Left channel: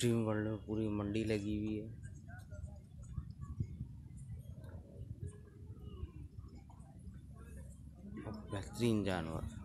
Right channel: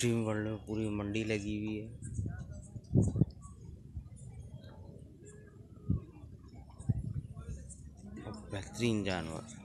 Dream world में पूरी मंडी लगी हुई है। और बेहतरीन जानवर।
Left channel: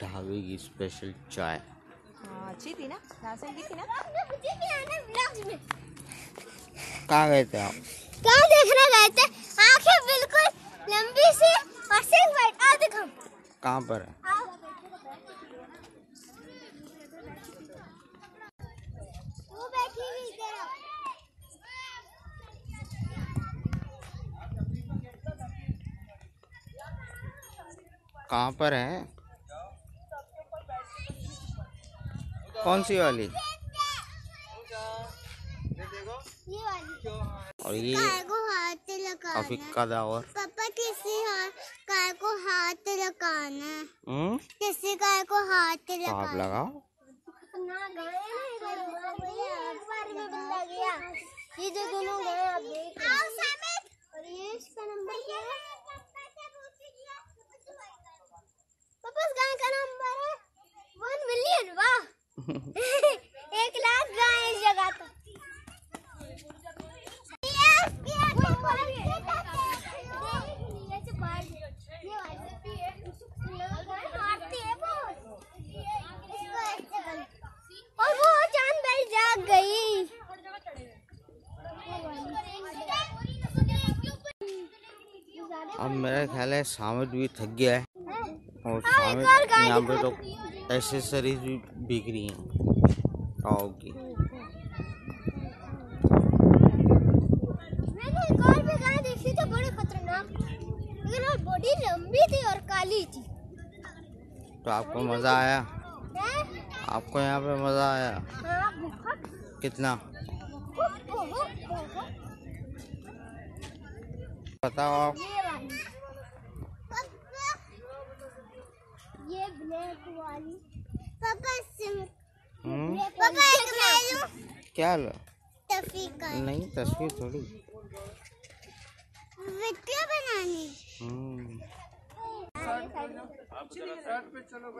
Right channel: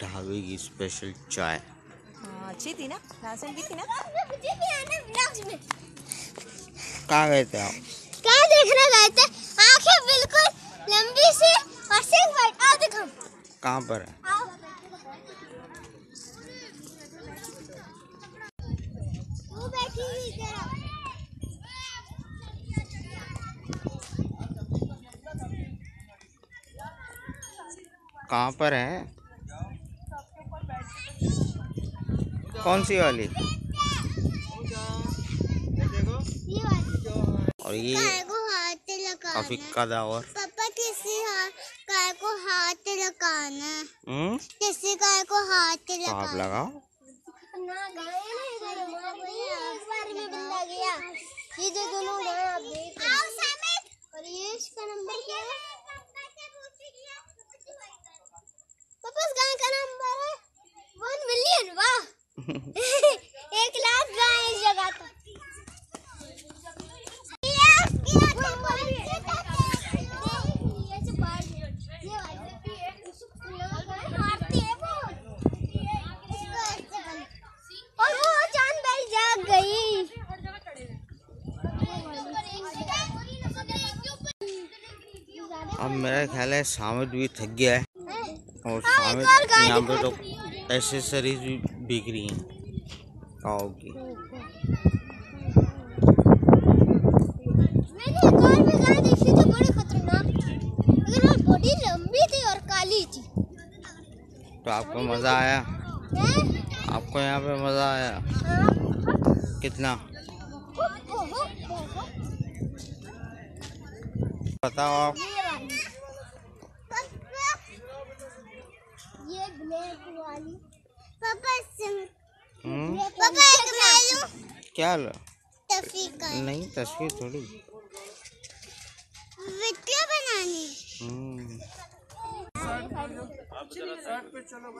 ढाबे की स्पेशल चाय अच्छी थी ना, राशन की थी ना। कहाँ गए थे आप? क्या देखने गए थे? आंखें बिल्कुल लंबी सी और सिंह वाइट। आओ देखो। कहाँ पर है? आओ। वो बैठी हुई इधर। कहाँ पर है? कौन सी वाली? ये वाली। और ये काफी कदावर। पापा किसी काय को हाथ लगाना। किसी काय को हाथ तो आप लगाओ। ना गाय नहीं इधर एक बार में बिल्ला गया। ये जो दोनों गाय आप देख रहे हैं। और ये इसका नंबर क्या है? पापा इस गाय का नंबर है 1 मिलियन। वाह 1 लाख गाय इस जगह तो। और वो चांद भाई जाग गई। अब मेरा ख्याल है सामित भी थक गया है और सामित यहाँ पे तो एसेसरीज भी बिक रही हैं काऊ की। मैंने एक और भी गाय देखी थी, बड़ी खतरनाक थी, लेकिन वो बॉडी लंबी थी और काली थी। तो आपको मजा आया? हैं? आपको यहाँ पे मजा आया? हाँ, कितना बहुत। बताओ आप? ये वाली। ये ब्लैक वाली। पापा पापा एक मैं लूं? क्या लो? नहीं तस्वीर थोड़ी वीडियो बनानी। चलो